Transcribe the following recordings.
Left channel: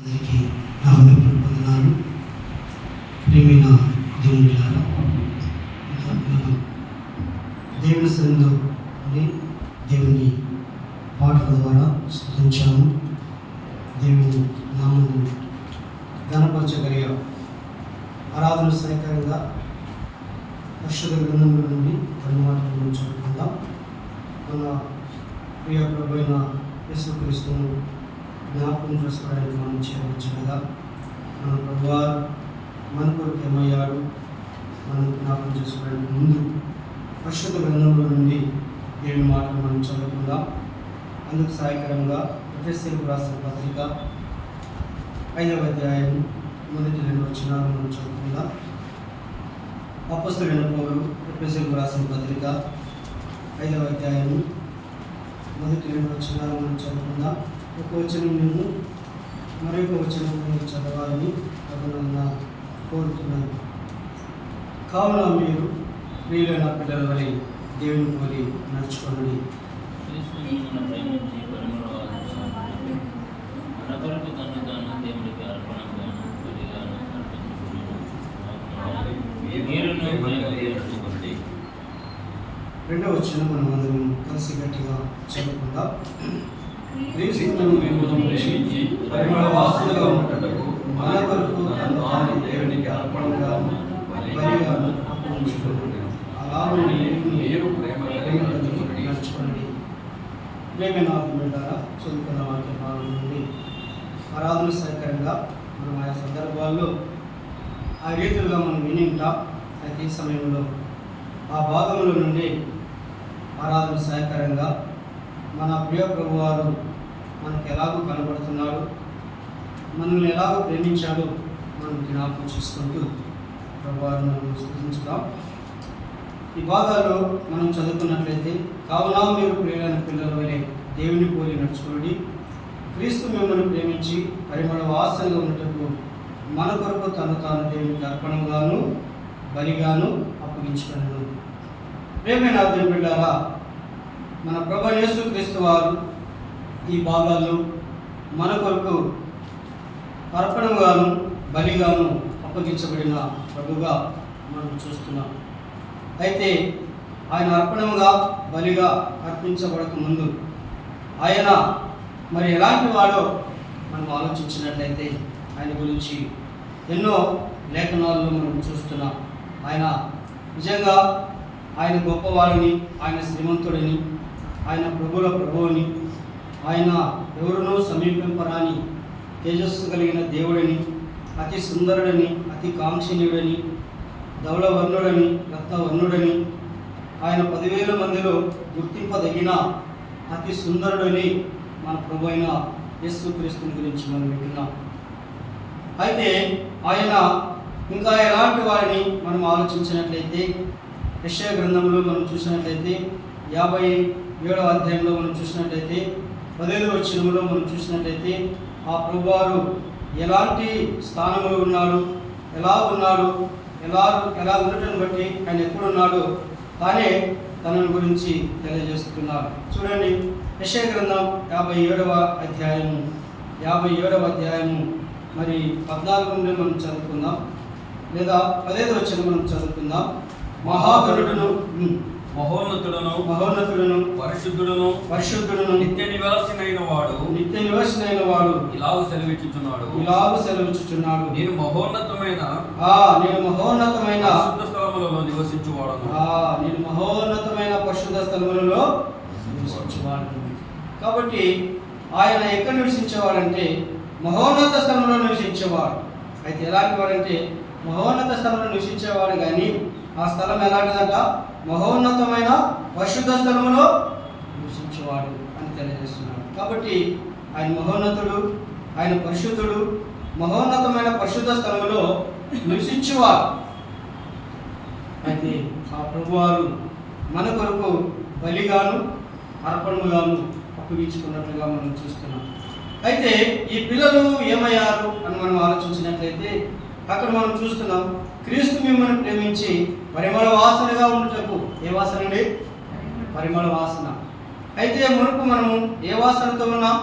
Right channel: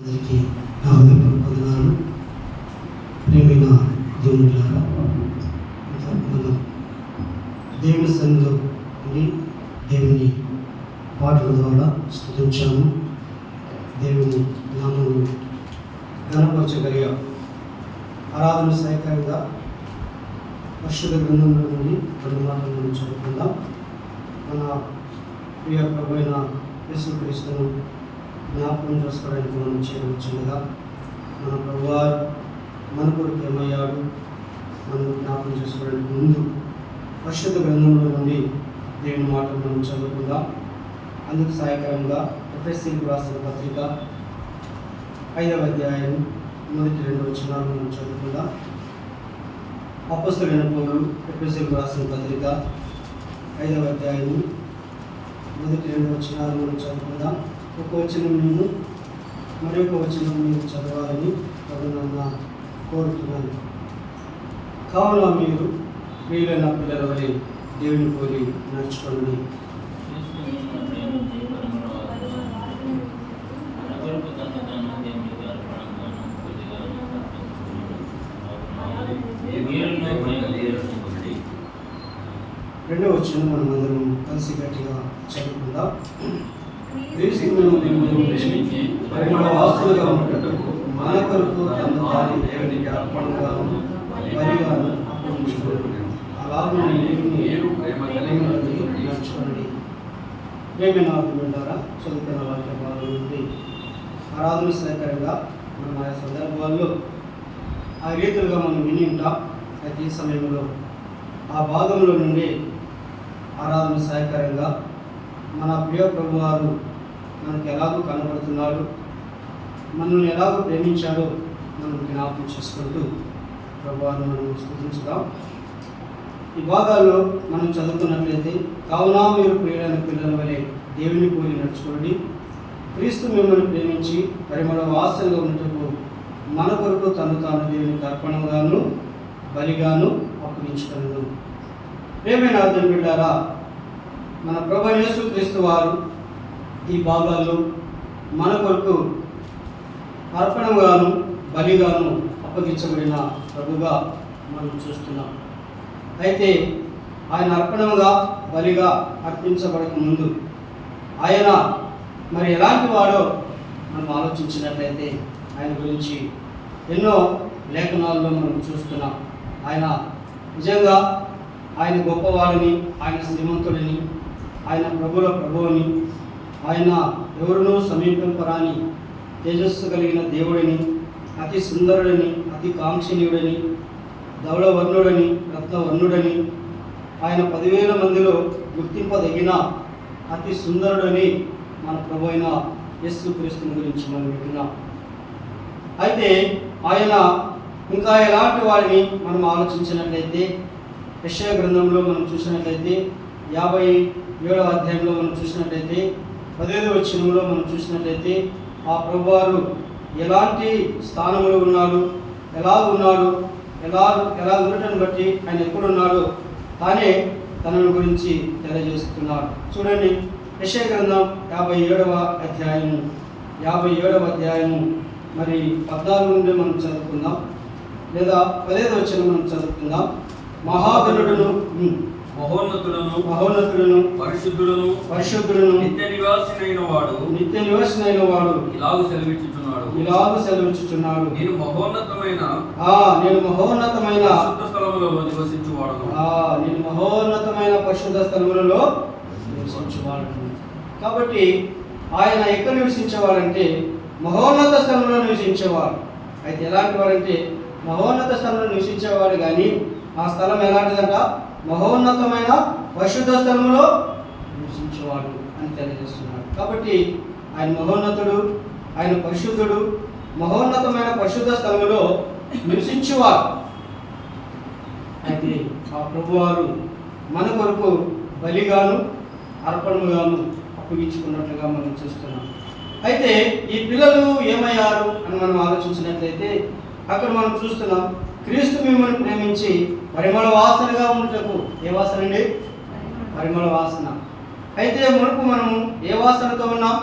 అందరికీ నా వందనాలు. ప్రేమైన దేవునిలారా, మనం దేవుని సన్నిధిలో ఉండి దేవుని పాటల ద్వారా స్తుతించాము. దేవుని నామమును ఘనపరచగలిగా ఆరాధన సహాయకరంగా పరిశుద్ధ గ్రంథంలో నుండి రెండు మాటలను చదువుకుందాం. మన ప్రియ ప్రభువైన యేసుక్రీస్తును జ్ఞాపకం చేసుకోవడానికి మనం చేయవచ్చుగా మన ప్రభువారు మన కొరకు ఏమయ్యాడు మనం జ్ఞాపకం చేసుకోవడానికి ముందు పరిశుద్ధ గ్రంథంలో నుండి దేవుని మాటలు మనం చదువుకుందాం. అందుకు సహాయకరంగా ఎఫెసీయులకు రాసిన పత్రిక 5వ అధ్యాయం మొదటి 2 వచనాలు మనం చదువుకుందాం. అపోస్తలుడైన పౌలు ఎఫెసీయులకు రాసిన పత్రిక 5వ అధ్యాయం మొదటి 2 వచనాలు మనం చదువుకుందాం. ఒక వచనం నేను మరొక వచనం మీరు చదవాలని ప్రభువును కోరుతున్నాను. కావున మీరు ప్రియులైన పిల్లల వలె దేవుని పోలి నడుచుకోండి. రెండవ వచనం మనం అందరం కలిసి గట్టిగా చదువుకుందాం. పరిమళ వాసనగా ఉన్నట్టు మన కొరకు తను తాను దేవునికి అర్పణగాను బలిగాను అర్పించుకోండి. అలాగే మీరు ప్రేమ కలిగి నడుచుకోండి. ప్రేమ నాకున్నారా చదువుకున్న వాక్య భాగం నుండి ఆరాధన సహకారంగా మనం ఆయా సందర్భాల్లో ఆ రీతులుగా మనం విని ఉంటాం. అయితే ఈ సమయంలో ఆ భాగంలో నుండి ఆరాధన సహకారంగా మన ప్రియ ప్రభు వారు మనకు ఎలాగో కనబడుతున్నాడు, మనల్ని ఎలాగో ప్రేమించాడో మనం జ్ఞాపకం చేసుకుంటూ ప్రభువారిని మనం స్తుతించుదాం. ఈ భాగాల్లో మనం చదువుకున్నట్లయితే, కావున మీరు ప్రియులైన పిల్లల వలె దేవుని పోలి నడుచుకోండి. క్రీస్తు మిమ్మల్ని ప్రేమించి పరిమళ వాసనగా ఉన్నట్టుకు మన కొరకు తను తాను దేవునికి అర్పణగాను బలిగాను అప్పగించుకొనెను. ప్రేమైన దేవుని బిడ్డలారా, మన ప్రభు యేసుక్రీస్తు వారు ఈ భాగాల్లో మన కొరకు అర్పణగాను బలిగాను అప్పగించబడిన ప్రభుగా మనం చూస్తున్నాం. అయితే ఆయన అర్పణగా బలిగా అర్పించబడక ముందు ఆయన మరి ఎలాంటి వాడో మనం ఆలోచించినట్లయితే ఆయన గురించి ఎన్నో లేఖనాల్లో మనం చూస్తున్నాం. ఆయన నిజంగా ఆయన గొప్పవాడిని, ఆయన శ్రీమంతుడిని, ఆయన ప్రభుల ప్రభువుని, ఆయన ఎవరునూ సమీపింపరాని తేజస్సు కలిగిన దేవుడిని, అతి సుందరుడని, అతి కాంక్షణీయుడని, ధవళవర్ణుడని, రత్నవర్ణుడని, ఆయన 10,000 మందిలో గుర్తింపదగిన అతి సుందరుడని మన ప్రభు అయిన యేసుక్రీస్తుని గురించి మనం వింటున్నాం. అయితే ఆయన ఇంకా ఎలాంటి వారిని మనం ఆలోచించినట్లయితే యెషయా గ్రంథంలో మనం చూసినట్లయితే 57వ అధ్యాయంలో మనం చూసినట్లయితే 15వ వచనంలో మనం చూసినట్లయితే ఆ ప్రభువారు ఎలాంటి స్థానంలో ఉన్నాడు, ఎలా ఉన్నాడు, ఎలా ఉండటం బట్టి ఆయన ఎక్కడున్నాడు తానే తన గురించి తెలియజేస్తున్నారు. చూడండి, యెషయా గ్రంథం 57వ అధ్యాయము మరి 14 నుండి మనం చదువుకుందాం, లేదా 15వ వచనం మనం చదువుకుందాం. మహాగణుడును మహోన్నతులను పరిశుద్ధులను నిత్య నివాసినైన వాడు ఇలాగు సెలవిచ్చుచున్నాడు, నేను మహోన్నతమైన పరిశుద్ధ స్థలములలో నివసించువాడు. కాబట్టి ఆయన ఎక్కడ నివసించేవాడంటే మహోన్నత స్థలంలో నివసించేవాడు. అయితే ఎలాంటి వాడంటే మహోన్నత స్థలంలో నివసించేవాడు, కానీ ఆ స్థలం ఎలాంటిదంట? మహోన్నతమైన పరిశుద్ధ స్థలములో నివసించేవాడు అని తెలియజేస్తున్నాడు. కాబట్టి ఆయన మహోన్నతుడు, ఆయన పరిశుద్ధుడు, మహోన్నతమైన పరిశుద్ధ స్థలములో నివసించేవాడు. అయితే ఆ ప్రభువారు మన కొరకు బలిగాను అర్పణగాను అప్పగించుకున్నట్లుగా మనం చూస్తున్నాం. అయితే ఈ పిల్లలు ఏమయ్యారు అని మనం ఆలోచించినట్లయితే అక్కడ మనం చూస్తున్నాం, క్రీస్తు మిమ్మల్ని ప్రేమించి పరిమళ వాసనగా ఉండటకు. ఏ వాసన అండి? పరిమళ వాసన. అయితే మునుపు మనము ఏ వాసనతో ఉన్నాం?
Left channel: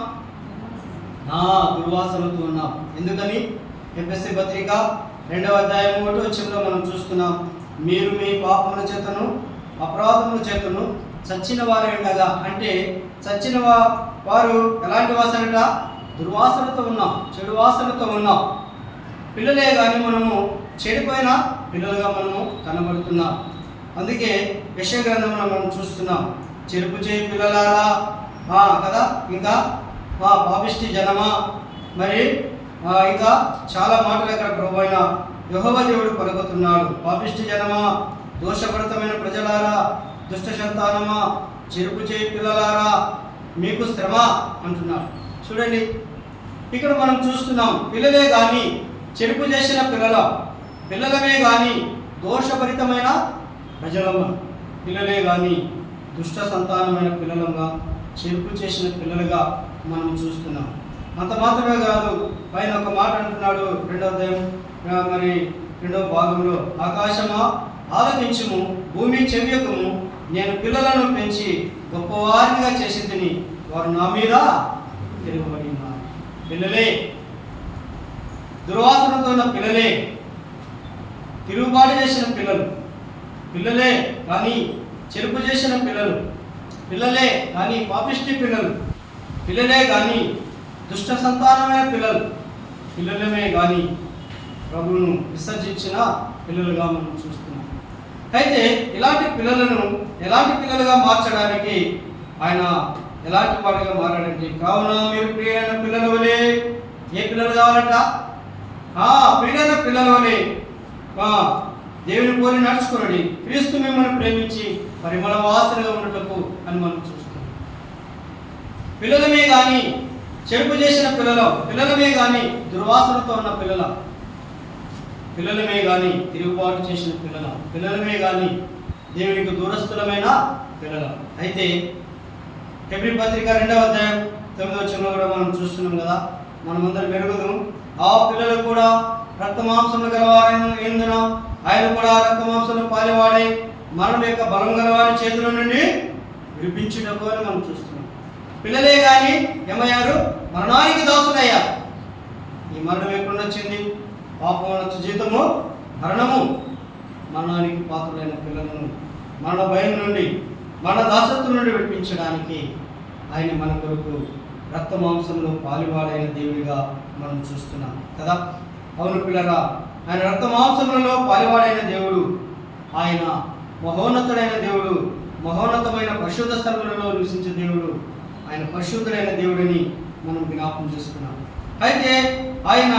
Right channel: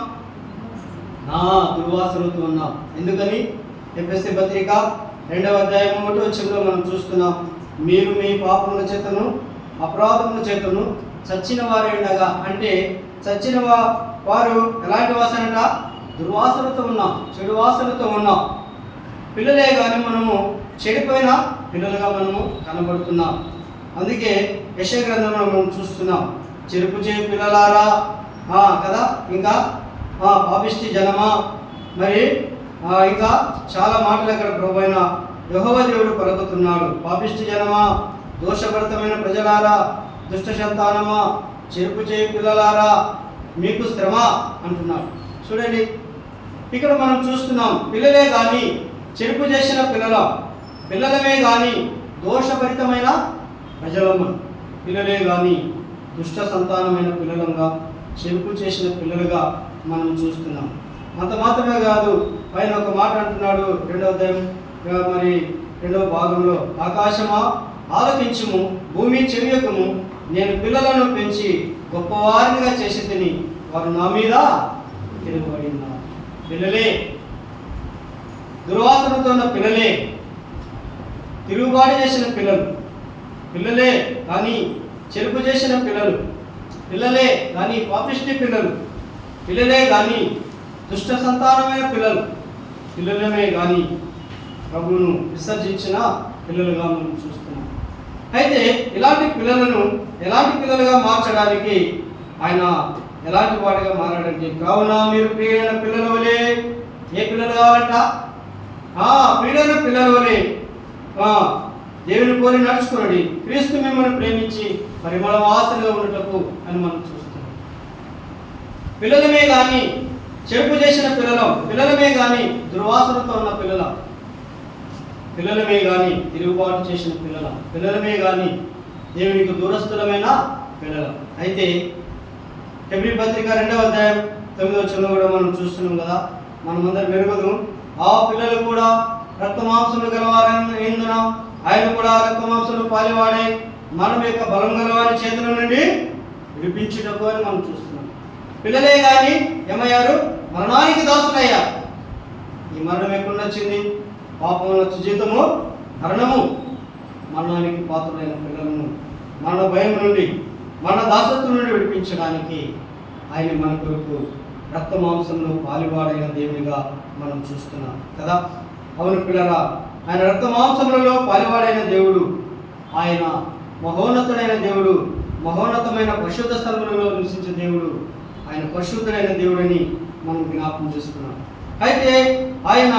నా దుర్వాసనతో ఉన్నాం. ఎందుకని? ఎఫెసీ పత్రిక 2వ అధ్యాయం 1వ వచనంలో మనం చూస్తున్నాం, మీరు మీ పాపముల చేతను అపరాధముల చేతను చచ్చిన వారే ఉండగా, అంటే చచ్చిన వారు ఎలాంటి వాసనట? దుర్వాసనతో ఉన్నాం, చెడు వాసనతో ఉన్నాం. పిల్లలే కానీ మనము చెడిపోయిన పిల్లలుగా మనము కనబడుతున్నాం. అందుకే యెషయా గ్రంథంలో మనం చూస్తున్నాం, చెరుపు చేయి పిల్లలారా కదా, ఇంకా పాపిష్టి జనమా, మరి ఇంకా చాలా మాటలు అక్కడ ప్రభువైన యెహోవా దేవుడు పలుకుతున్నాడు. పాపిష్టి జనమా, దోషభరితమైన ప్రజలారా, దుష్ట సంతానమా, చెరుపు చేయి పిల్లలారా, మీకు శ్రమ అంటున్నాడు. చూడండి, ఇక్కడ మనం చూస్తున్నాం, పిల్లలే కానీ చెరుపు చేసిన పిల్లలమే కానీ దోషభరితమైన ప్రజలము, పిల్లలే కానీ దుష్ట సంతానమైన పిల్లలంగా, చెరుపు చేసిన పిల్లలుగా మనం చూస్తున్నాం. అంత మాత్రమే కాదు, పైన ఒక మాట అంటున్నాడు 2వ అధ్యాయం మరి 2వ భాగంలో, ఆకాశమా ఆలకించుము, భూమి చెవియకము, నేను పిల్లలను పెంచి గొప్పవారినిగా చేసి తిని వారు నా మీద తిరుగుబడి ఉన్నారు. పిల్లలే, దుర్వాసనతో ఉన్న పిల్లలే, తిరుగుబాటు చేసిన పిల్లలే కానీ చెరుపు చేసిన పిల్లలే కానీ పాపిష్టి పిల్లలే కానీ దుష్ట సంతానమైన పిల్లలమే కానీ ప్రభువును విసర్జించిన పిల్లలుగా మనం చూస్తున్నాం. అయితే ఇలాంటి పిల్లలను ఎలాంటి పిల్లలుగా మార్చడానికి ఆయన ఎలాంటి వాటిగా మారాడంటే, కావున మీరు ప్రియులైన పిల్లల వలె, ఏ పిల్లలు కావాలంట? ప్రియులైన పిల్లల వలె దేవుని పోలి నడుచుకున్నాడు. క్రీస్తు మిమ్మల్ని ప్రేమించి పరిమళ వాసనగా ఉండటకు అని మనం చూస్తున్నాం. పిల్లలమే కానీ చెరుపు చేసిన పిల్లలమే కానీ దుర్వాసనతో ఉన్న పిల్లలమే కానీ తిరుగుబాటు చేసిన పిల్లలమే కానీ దేవునికి దూరస్థులమైన పిల్లలం. అయితే హెబ్రీ పత్రిక 2వ అధ్యాయం 9వ వచనంలో కూడా మనం చూస్తున్నాం కదా, మనమందరం మెరుగుదు, ఆ పిల్లలు కూడా రక్తమాంసములు గలవారైనందున ఆయన కూడా రక్తమాంసంలో పాలివాడై మనం యొక్క బలం గలవారి చేతుల నుండి విడిపించుటకు అని మనం చూస్తున్నాం. పిల్లలే కానీ ఏమయ్యారు? మరణానికి దాసులయ్యారు. ఈ మరణం ఎక్కడ వచ్చింది? పాపమునొచ్చు జీతము మరణము. మరణానికి పాత్రులైన పిల్లలను మరణ భయం నుండి, మరణ దాసత్వం నుండి విడిపించడానికి ఆయన మన కొరకు రక్త మాంసంలో పాలువాడైన దేవుడిగా మనం చూస్తున్నాం కదా. అవును పిల్లరా, ఆయన రక్త మాంసములలో పాలువాడైన దేవుడు, ఆయన మహోన్నతుడైన దేవుడు, మహోన్నతమైన పరిశుద్ధ స్థలములలో నివసించే దేవుడు, ఆయన పరిశుద్ధుడైన దేవుడని మనం జ్ఞాపకం చేసుకున్నాం. అయితే ఆయన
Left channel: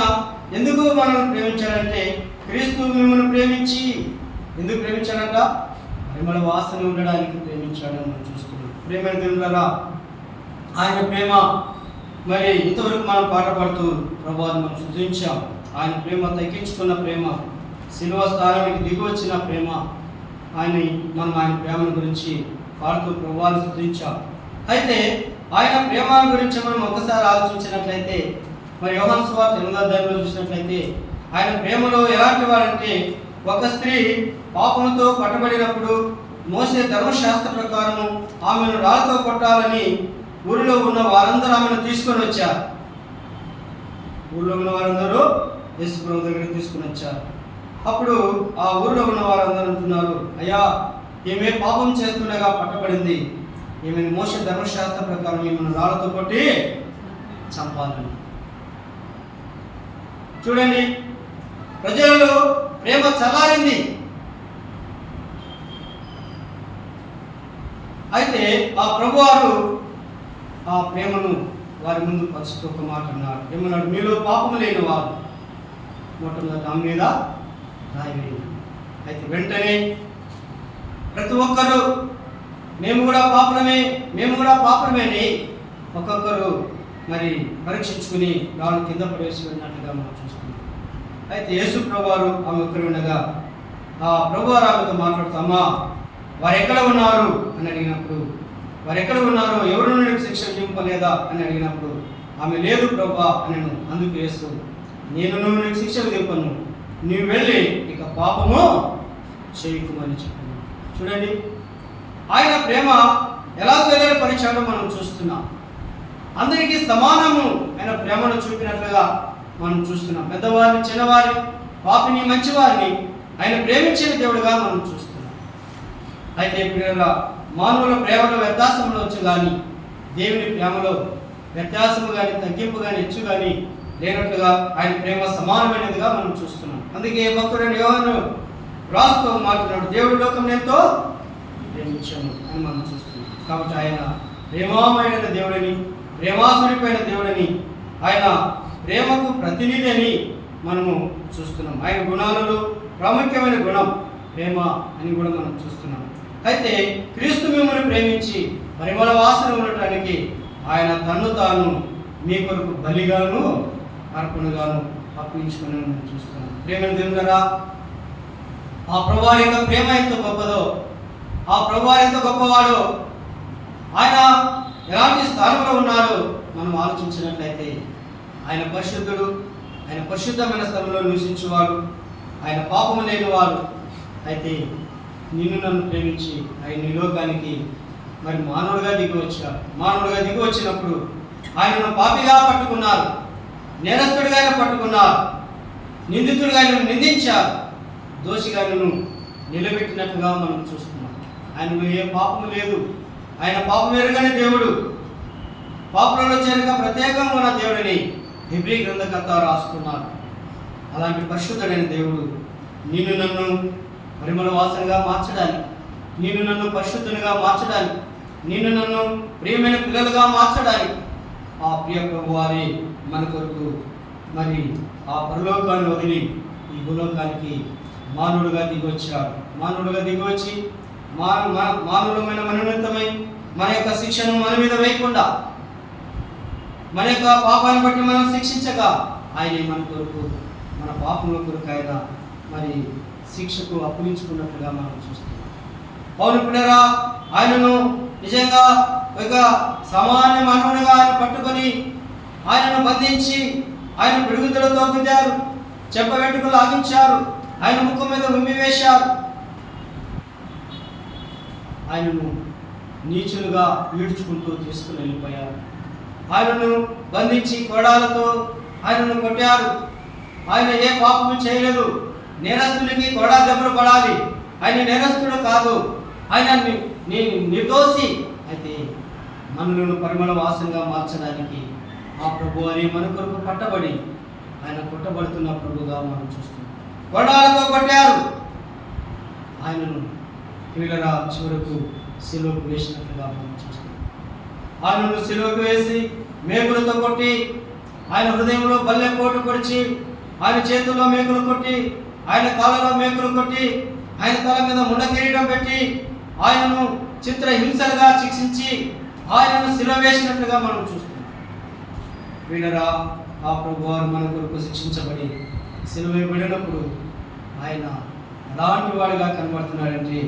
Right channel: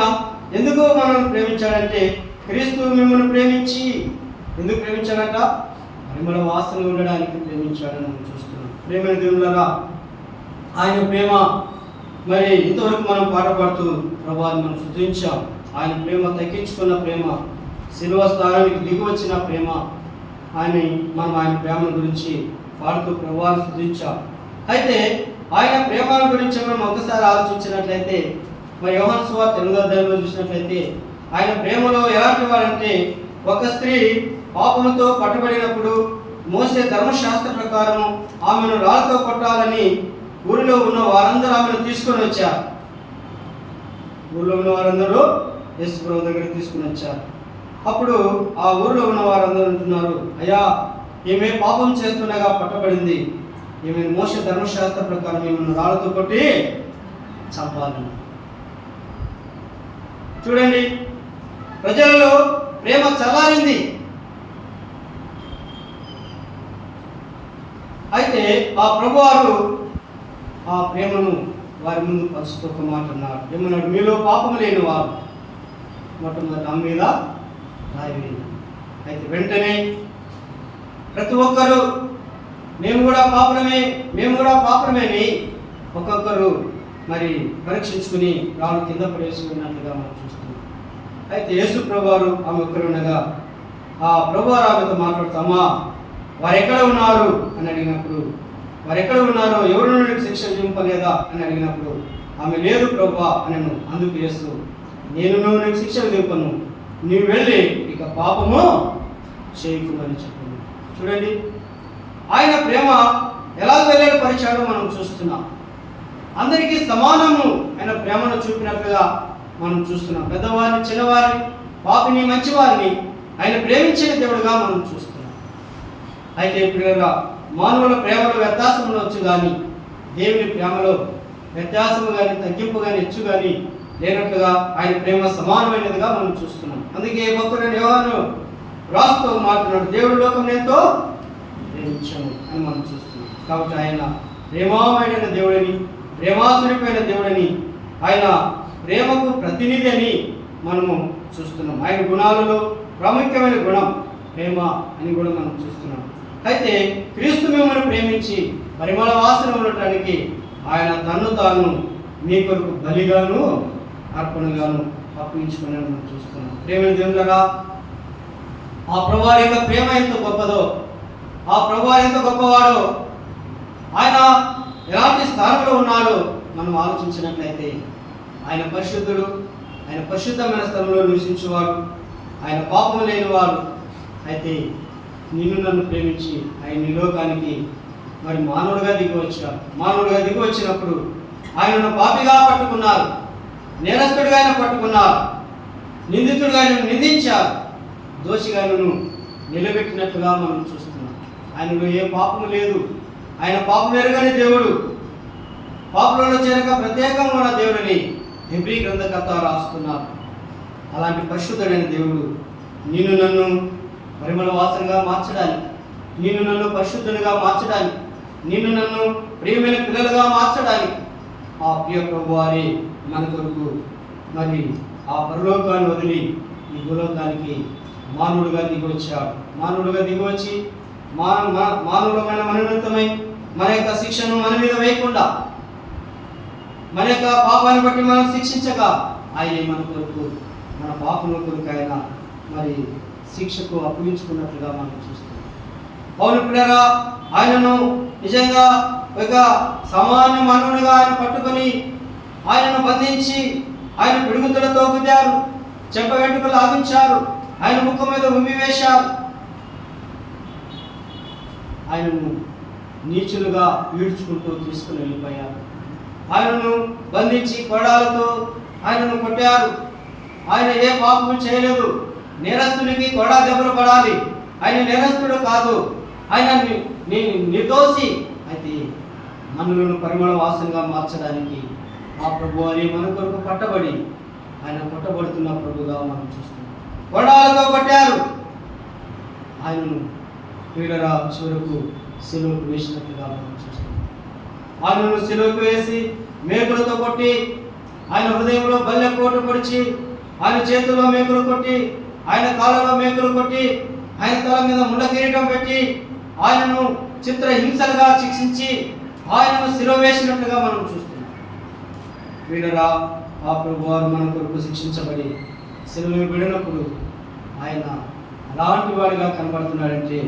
ఎందుకు మనల్ని ప్రేమించాడంటే, క్రీస్తు మిమ్మల్ని ప్రేమించి ఎందుకు ప్రేమించాడట? పరిమళ వాసన ఉండడానికి ప్రేమించాడని మనం చూస్తున్నాం. ప్రేమైన దేవులారా, ఆయన ప్రేమ మరి ఇంతవరకు మనం పాట పాడుతూ ప్రభువాన్ని మనం స్తుతించాం. ఆయన ప్రేమ తగ్గించుకున్న ప్రేమ, శిలువ స్థానానికి దిగి వచ్చిన ప్రేమ, ఆయన ప్రేమను గురించి పాడుతూ ప్రభువాన్ని స్తుతించాం. అయితే ఆయన ప్రేమ గురించి మనం ఒక్కసారి ఆలోచించినట్లయితే, మరి యోహాను సువార్త 8వ అధ్యాయంలో చూసినట్లయితే, ఆయన ప్రేమలో ఎలాంటి వారంటే, ఒక స్త్రీ పాపముతో పట్టబడినప్పుడు మోసే ధర్మశాస్త్ర ప్రకారము ఆమెను రాళ్ళతో కొట్టాలని ఊరిలో ఉన్న వారందరూ ఆమెను తీసుకొని వచ్చారు. ఊరిలో ఉన్న వారందరూ యేసు ప్రభు దగ్గరికి తీసుకుని వచ్చారు. అప్పుడు ఆ ఊరిలో ఉన్న వారందరూ అంటున్నారు, అయ్యా, ఈమె పాపం చేస్తుండగా పట్టబడింది, ఈమెను మోసే ధర్మశాస్త్ర ప్రకారం ఈమెను రాళ్ళతో కొట్టి చంపాలని. చూడండి, ప్రజలలో ప్రేమ చల్లారింది. అయితే ఆ ప్రభువారు ఆ ప్రేమను వారి ముందు పంచుతూ ఒక మాట అన్నాడు. ఏమన్నాడు? మీలో పాపం లేని వారు మొట్టమొదటి ఆమె మీద రాయి వేయండి. అయితే వెంటనే ప్రతి ఒక్కరు మేము కూడా పాపలమేని ఒక్కొక్కరు మరి పరీక్షించుకుని రాళ్ళు కింద పడేసినట్లుగా మనం చూస్తున్నాం. అయితే యేసు ప్రభువారు ఆమె ఒక్కరు వినగా ఆ ప్రభువారు ఆమెతో మాట్లాడుతామా, వారు ఎక్కడ ఉన్నారు అని అడిగినప్పుడు, వారు ఎక్కడ ఉన్నారో, ఎవరు నుండి శిక్ష విధింపలేదా అని అడిగినప్పుడు, ఆమె లేదు ప్రభువా అనను. అందుకు యేసు, నేను నీకు శిక్ష విధింపను, నీవు వెళ్ళి ఇక పాపము చేయకుమని చెప్పింది. చూడండి, ఆయన ప్రేమ ఎలా వెల్లడిపరిచాడో మనం చూస్తున్నాం. అందరికీ సమానము ఆయన ప్రేమను చూపినట్లుగా మనం చూస్తున్నాం. పెద్దవారిని, చిన్నవారిని, పాపిని, మంచివారిని ఆయన ప్రేమించిన దేవుడుగా మనం చూస్తున్నాం. అయితే పిల్లల మానవుల ప్రేమలో వ్యత్యాసం ఉండవచ్చు, కానీ దేవుని ప్రేమలో వ్యత్యాసము కానీ, తగ్గింపు కానీ, హెచ్చు కానీ లేనట్లుగా ఆయన ప్రేమ సమానమైనదిగా మనం చూస్తున్నాం. అందుకే భక్తుడైన యోహాను రాస్తూ మాట్లాడు, దేవుడు లోకం ఎంతో ప్రేమించము అని మనం చూస్తున్నాం. కాబట్టి ఆయన ప్రేమామయుడైన దేవుడని, ప్రేమాసుడిపోయిన దేవుడని, ఆయన ప్రేమకు ప్రతినిధి అని మనము చూస్తున్నాం. ఆయన గుణాలలో ప్రాముఖ్యమైన గుణం ప్రేమ అని కూడా మనం చూస్తున్నాం. అయితే క్రీస్తు మిమ్మల్ని ప్రేమించి పరిమళ వాసన ఉండటానికి ఆయన తన్ను తాను మీ కొరకు బలిగాను అర్పణగాను అప్పించుకుని మనం చూస్తున్నాం. ప్రేమ దేవుడారా, ఆ ప్రభువారి యొక్క ప్రేమ ఎంత గొప్పదో, ఆ ప్రభువారు ఎంత గొప్పవాడో, ఆయన ఎలాంటి స్థానంలో ఉన్నాడో మనం ఆలోచించినట్లయితే ఆయన పరిశుద్ధుడు, ఆయన పరిశుద్ధమైన స్థలంలో నివసించేవాడు, ఆయన పాపము లేనివాడు. అయితే నిన్ను నన్ను ప్రేమించి ఆయన ఈ లోకానికి మరి మానవుడిగా దిగి వచ్చాడు. మానవుడిగా దిగి వచ్చినప్పుడు ఆయనను పాపిగా పట్టుకున్నారు, నేరస్తుడిగా ఆయన పట్టుకున్నారు, నిందితుడిగా ఆయన నిందించారు, దోషిగా ఆయనను నిలబెట్టినట్లుగా మనం చూస్తున్నాం. ఆయనలో ఏ పాపము లేదు, ఆయన పాపం ఎరుగని దేవుడు, పాపంలో చేరక ప్రత్యేకంగా ఉన్న దేవుడిని హెబ్రీ గ్రంథకర్త రాస్తున్నారు. అలాంటి పరిశుద్ధుడైన దేవుడు నిన్ను నన్ను పరిమళ వాసనగా మార్చడానికి, నిన్ను నన్ను పరిశుద్ధునిగా మార్చడానికి, నిన్ను నన్ను ప్రియమైన పిల్లలుగా మార్చడానికి ఆ ప్రియ ప్రభువారే మన కొరకు మరి ఆ పరలోకాన్ని వదిలి ఈ భూలోకానికి మానవుడుగా దిగొచ్చాడు. మానవుడుగా దిగివచ్చి మానవులమైన మనోన్నతమై మన యొక్క శిక్షను మన మీద వేయకుండా, మన యొక్క పాపాన్ని బట్టి మనం శిక్షించగా ఆయనే మన కొరకు, మన పాపముల కొరకు ఆయన మరి శిక్షకు అప్పగించుకున్నట్లుగా మనం చూస్తాం. అవును పిల్లరా, ఆయనను నిజంగా ఒక సామాన్య మానవునిగా ఆయన పట్టుకొని ఆయనను బంధించి ఆయన పిడుగుదలతో గుద్దారు, చెప్ప వెంట్రుకలు లాగించారు, ఆయన ముఖం మీద ఉమ్మి వేశారు, ఆయనను నీచులుగా ఈడ్చుకుంటూ తీసుకుని వెళ్ళిపోయారు. ఆయనను బంధించి కొరడాలతో ఆయనను కొట్టారు. ఆయన ఏ పాపము చేయలేదు. నేరస్తునికి కొరడా దెబ్బలు పడాలి, ఆయన నేరస్తుడు కాదు, ఆయన నిర్దోషి. అయితే మనలను పరిమళ వాసనగా మార్చడానికి ఆ ప్రభు అని మన కొరకు పట్టబడి ఆయన కొట్టబడుతున్న ప్రభుగా మనం చూస్తున్నాం. కొరడాలతో కొట్టారు, ఆయనను వీళ్ళ చివరకు శిలువకు వేసినట్లుగా మనం చూస్తున్నాం. ఆయనను శిలువకు వేసి మేకులతో కొట్టి, ఆయన హృదయంలో బల్లె కోటు పొడిచి, ఆయన చేతుల్లో మేకులు కొట్టి, ఆయన కాళ్ళలో మేకులు కొట్టి, ఆయన తల మీద ముండ కిరీటం పెట్టి ఆయనను చిత్రహింసలుగా శిక్షించి ఆయనను శిలువ వేసినట్లుగా మనం చూస్తున్నాం. వీళ్ళరా, ఆ ప్రభువారు మన కొరకు శిక్షించబడి శిలువ వేయబడినప్పుడు ఆయన అలాంటి వాడిగా కనబడుతున్నాడంటే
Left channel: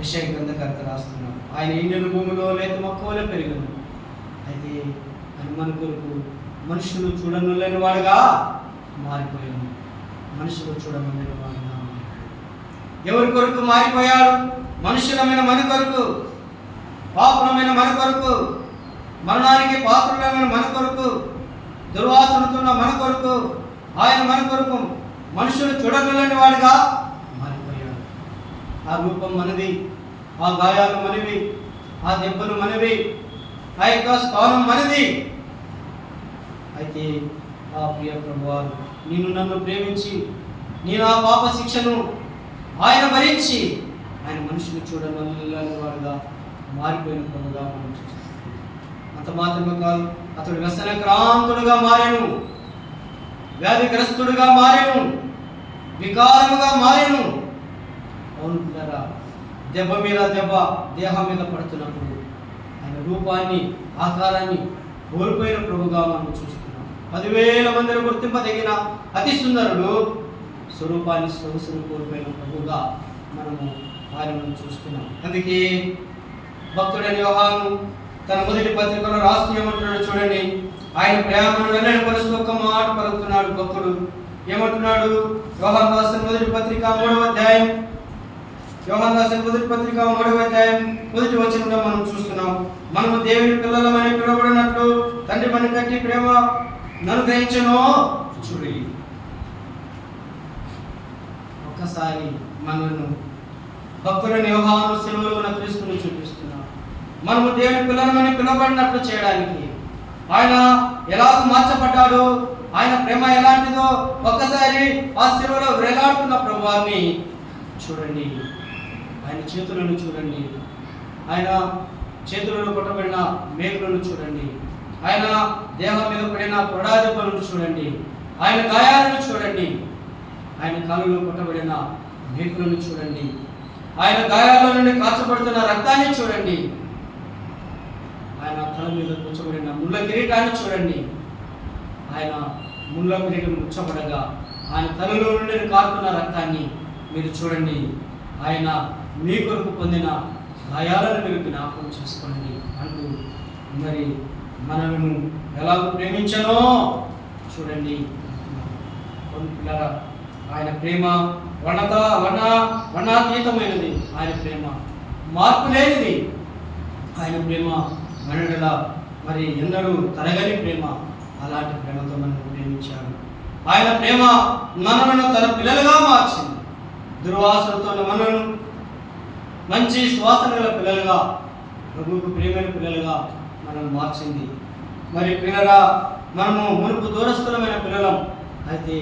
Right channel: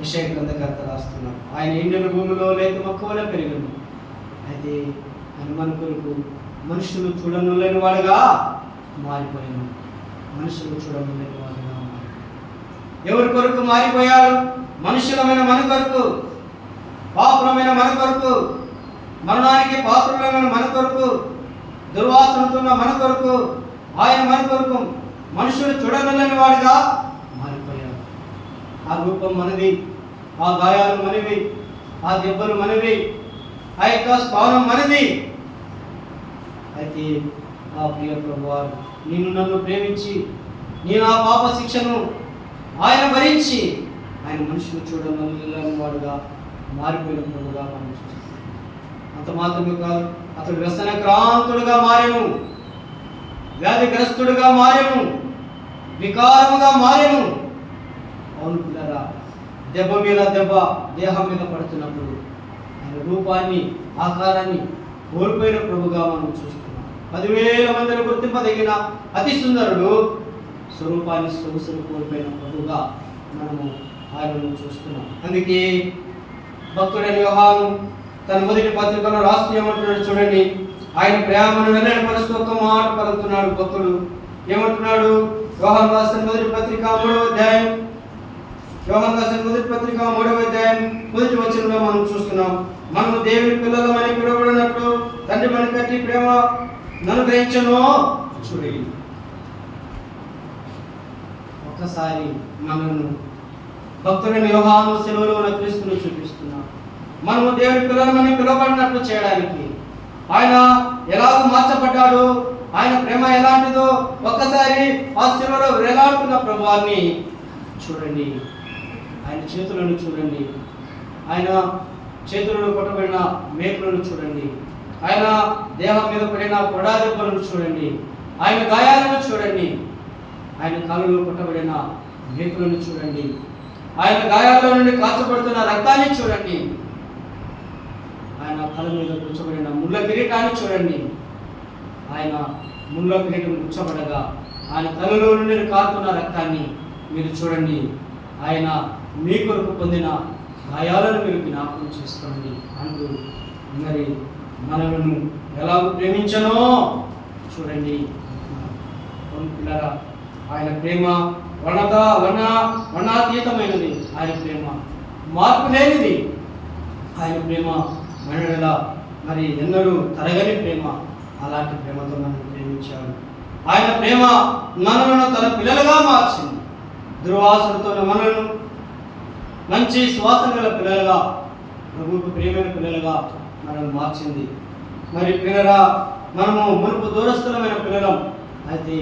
యెషయా గ్రంథకర్త రాస్తున్నాడు. ఆయన ఎండిన భూమిలో లేత మొక్కవలే పెరిగను. అయితే మన కొరకు మనుషులు చూడనులేని వాడుగా మారిపోయాను. మనుషులు చూడనులేని వాడుగా మారిపోయాడు. ఎవరి కొరకు మారిపోయాడు? మనుషులమైన మన కొరకు, పాపులమైన మన కొరకు, మరణానికి పాత్రులమైన మన కొరకు, దుర్వాసనతున్న మన కొరకు, ఆయన మన కొరకు మనుషులు చూడనులేని వాడుగా మారిపోయాడు. ఆ రూపం మనది, ఆ గాయాలు మనవి, ఆ దెబ్బలు మనవి, ఆ యొక్క స్థానం మనది. అయితే ఆ ప్రియ ప్రభువారు నిన్ను నన్ను ప్రేమించి నేను ఆ పాప శిక్షను ఆయన భరించి ఆయన మనుషులు చూడని వాడుగా మారిపోయిన ప్రభుగా మనం చూస్తాం. అంత మాత్రమే కాదు, అతడు వ్యసనక్రాంతుడుగా మారెను, వ్యాధిగ్రస్తుడుగా మారెను, వికారముగా మారెను. అవును పిల్లరా, దెబ్బ మీద దెబ్బ దేహం మీద పడుతున్నప్పుడు ఆయన రూపాన్ని, ఆకారాన్ని కోల్పోయిన ప్రభుగా మనం చూస్తున్నాం. 10,000 మందిలో గుర్తింపదగిన అతి సుందరుడు స్వరూపాన్ని, సొగసును కోల్పోయిన ప్రభుగా మనము ఆయనను చూస్తున్నాం. అందుకే భక్తుడైన యోహాను తన మొదటి పత్రికలో రాస్తూ ఏమంటున్నాడు చూడండి. ఆయన ప్రేమను వెల్లడిపరుస్తూ ఒక మాట పలుకుతున్నాడు. భక్తుడు ఏమంటున్నాడు? యోహాను రాసిన మొదటి పత్రిక 3వ అధ్యాయం, యోహాను రాసిన మొదటి పత్రిక 3వ అధ్యాయం మొదటి వచనంలో మనం చూస్తున్నాం. మనము దేవుని పిల్లలమని పిలువబడినట్లు తండ్రి మన కట్టి ప్రేమ నన్ను గ్రహించను చూడి. ఒక్కసారి మనను భక్తుని యోహాను సెలవులో ఉన్న క్రీస్తును చూపిస్తున్నాం. మనము దేవుని పిల్లలమని పిలువబడినట్లు చేయడానికి ఆయన ఎలాగ మార్చబడ్డాడు, ఆయన ప్రేమ ఎలాంటిదో ఒక్కసారి ఆ శిలువలో వేలాడుతున్న ప్రభువాన్ని చూడండి. ఆయన చేతులను చూడండి, ఆయన చేతులలో కొట్టబడిన మేకులను చూడండి, ఆయన దేహం మీద పడిన కొడా దెబ్బలను చూడండి, ఆయన గాయాలను చూడండి, ఆయన కాళ్ళలో కొట్టబడిన మేకులను చూడండి, ఆయన గాయాల నుండి కాచబడుతున్న రక్తాన్ని చూడండి, ఆయన తల మీద కూర్చోబడిన ముళ్ళ కిరీటాన్ని చూడండి. ఆయన ముళ్ళ కిరీటం కూర్చోబడగా ఆయన తలలో నుండి కారుతున్న రక్తాన్ని మీరు చూడండి. ఆయన మీ కొరకు పొందిన గాయాలను మీరు జ్ఞాపకం చేసుకోండి అంటూ మరి మనలను ఎలా ప్రేమించనో చూడండి పిల్లరా. ఆయన ప్రేమ వర్ణాతీతమైనది, ఆయన ప్రేమ మార్పు లేనిది, ఆయన ప్రేమ మనలా మరి ఎన్నడూ తరగని ప్రేమ. అలాంటి ప్రేమతో మనల్ని ప్రేమించాడు. ఆయన ప్రేమ మనలను తన పిల్లలుగా మార్చింది. దుర్వాసనతో మనలను మంచి సువాసన గల పిల్లలుగా, ప్రభువుకు ప్రియమైన పిల్లలుగా మనల్ని మార్చింది. మరి పిల్లరా, మనము మునుపు దూరస్థులమైన పిల్లలం, అయితే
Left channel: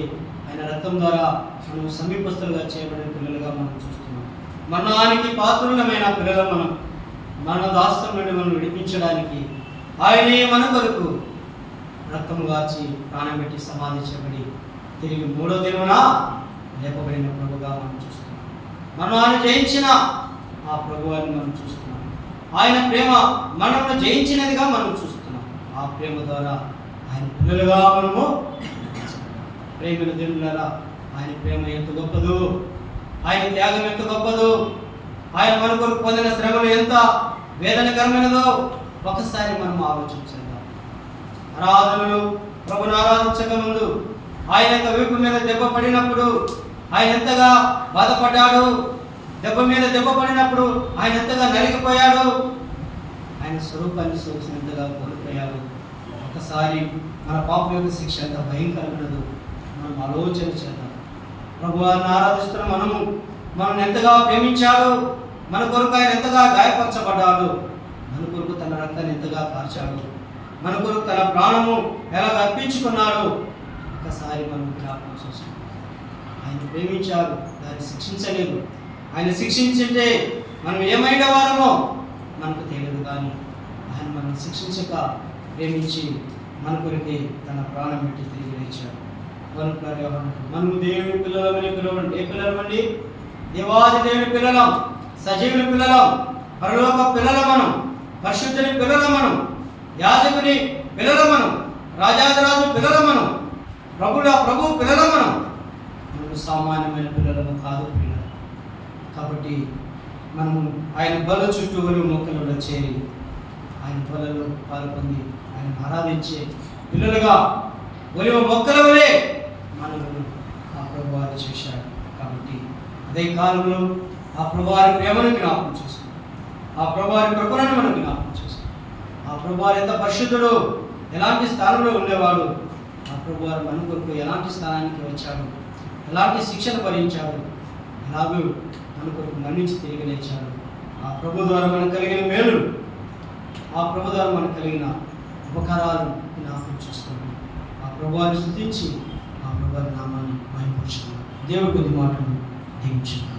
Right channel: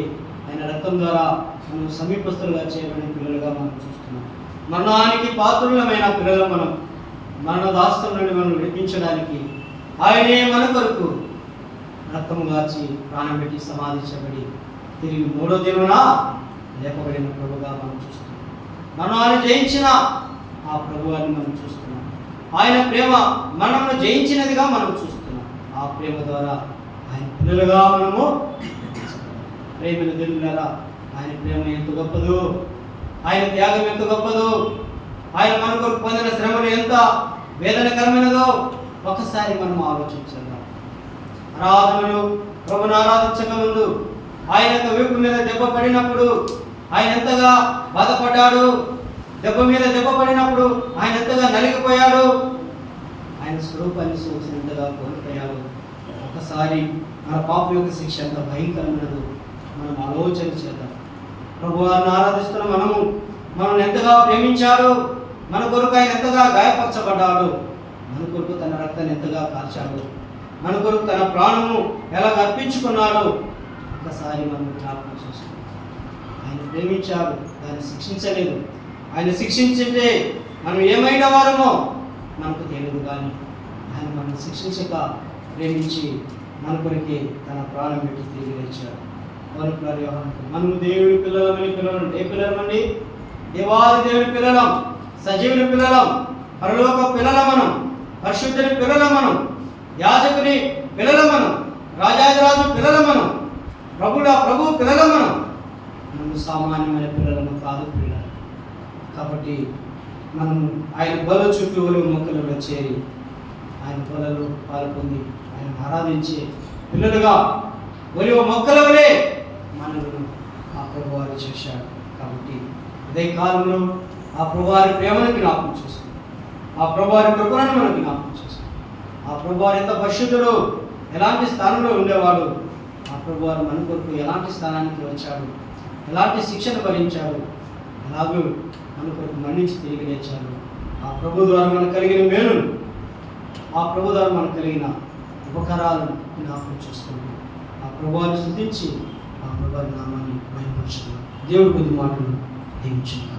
ఆయన రక్తం ద్వారా మనం సమీపస్తులుగా చేయబడిన పిల్లలుగా మనం చూస్తున్నాం. మరణానికి పాత్రులమైన పిల్లలు మనం మరణ దాస్తం నుండి మనం విడిపించడానికి ఆయనే మన కొరకు రక్తము గార్చి ప్రాణం పెట్టి సమాధి చేయబడి తిరిగి 3వ దినాన లేపబడిన ప్రభుగా మనం చూస్తున్నాం. మరణాన్ని జయించిన ఆ ప్రభువాన్ని మనం చూస్తున్నాం. ఆయన ప్రేమ మనమును జయించినదిగా మనం చూస్తున్నాం. ఆ ప్రేమ ద్వారా ఆయన పిల్లలుగా మనము ప్రేమను దేవులారా, ఆయన ప్రేమ ఎంత గొప్పదో, ఆయన త్యాగం ఎంత గొప్పదో, ఆయన మన కొరకు పొందిన శ్రమలు ఎంత వేదనకరమైనదో ఒకసారి మనం ఆలోచించేద్దాం. ఆరాధనలు ప్రభుని ఆరాధించక ముందు ఆయన యొక్క వీపు మీద దెబ్బ పడినప్పుడు ఆయన ఎంతగా బాధపడ్డాడు, దెబ్బ మీద దెబ్బ పడినప్పుడు ఆయన ఎంతగా నలిగిపోయాడు, ఆయన స్వరూపాన్ని చూసినంతగా కోల్పోయాడు. ఒకసారి మన పాపం యొక్క శిక్ష ఎంత భయంకరమైనదో మనం ఆలోచన చేద్దాం. ప్రభువాన్ని ఆరాధిస్తున్న మనల్ని ఎంతగా ప్రేమించాడు, మన కొరకు ఆయన ఎంతగా గాయపరచబడ్డాడు, మన కొరకు తన రక్తాన్ని ఎంతగా కార్చాడు, మన కొరకు తన ప్రాణము ఎలా అర్పించుకున్నాడు ఒకసారి మనం జ్ఞాపకం చేసుకోవాలి. ఆయన ప్రేమించాడు, దాన్ని శిక్షించలేదు. ఆయన శిక్షించింటే మనం ఏమైనా వారమో మనకు తెలియదు, కానీ ఆయన మనం శిక్షించక ప్రేమించి మన కొరికి తన ప్రాణం పెట్టి తిరిగి లేచాడు. మనము దేవుని పిల్లలమని పిలవండి. ఏ పిల్లలమండి? దేవాది దేవుని పిల్లలం, సజీవుని పిల్లలం, పరలోక పిల్లల మనం, పరిశుద్ధుని పిల్లల మనం, యాజకుని పిల్లల మనం, రాజాదిరాజు పిల్లల మనం, ప్రభు పిల్లల మనం సామాన్యమైన పిల్లలము కాదు పిల్లలు. కాబట్టి మనం ఆయన బల చుట్టూ మొక్కలలో చేరి ఆయన బలలో పాల్పొంది ఆయన ఆరాధించే పిల్లలుగా ఒలివ మొక్కల వలె మనలను ఆ ప్రభువారు చేశాడు. కాబట్టి అదే కాలంలో ఆ ప్రభువారి ప్రేమను జ్ఞాపకం చేసుకున్నాం, ఆ ప్రభువారి కృపలను మనం జ్ఞాపకం చేసుకున్నాం. ఆ ప్రభువారు ఎంత పరిశుద్ధుడు, ఎలాంటి స్థానంలో ఉండేవాడు, ఆ ప్రభువారు మన కొరకు ఎలాంటి స్థానానికి వచ్చాడు, ఎలాంటి శిక్షణ భరించాడు, ఎలాగూ మన కొరకు మరణించి తిరిగి లేచాడు. ఆ ప్రభు ద్వారా మనకు కలిగిన మేలు, ఆ ప్రభు ద్వారా మనకు కలిగిన ఉపకారాలను జ్ఞాపకం చేసుకుంటాం. ఆ ప్రభువాన్ని స్తుతించి ఆ ప్రభువారి నామాన్ని మహిమపరచుకున్నాం. దేవుడి కొద్ది మాటలు దీవించుకున్నాం.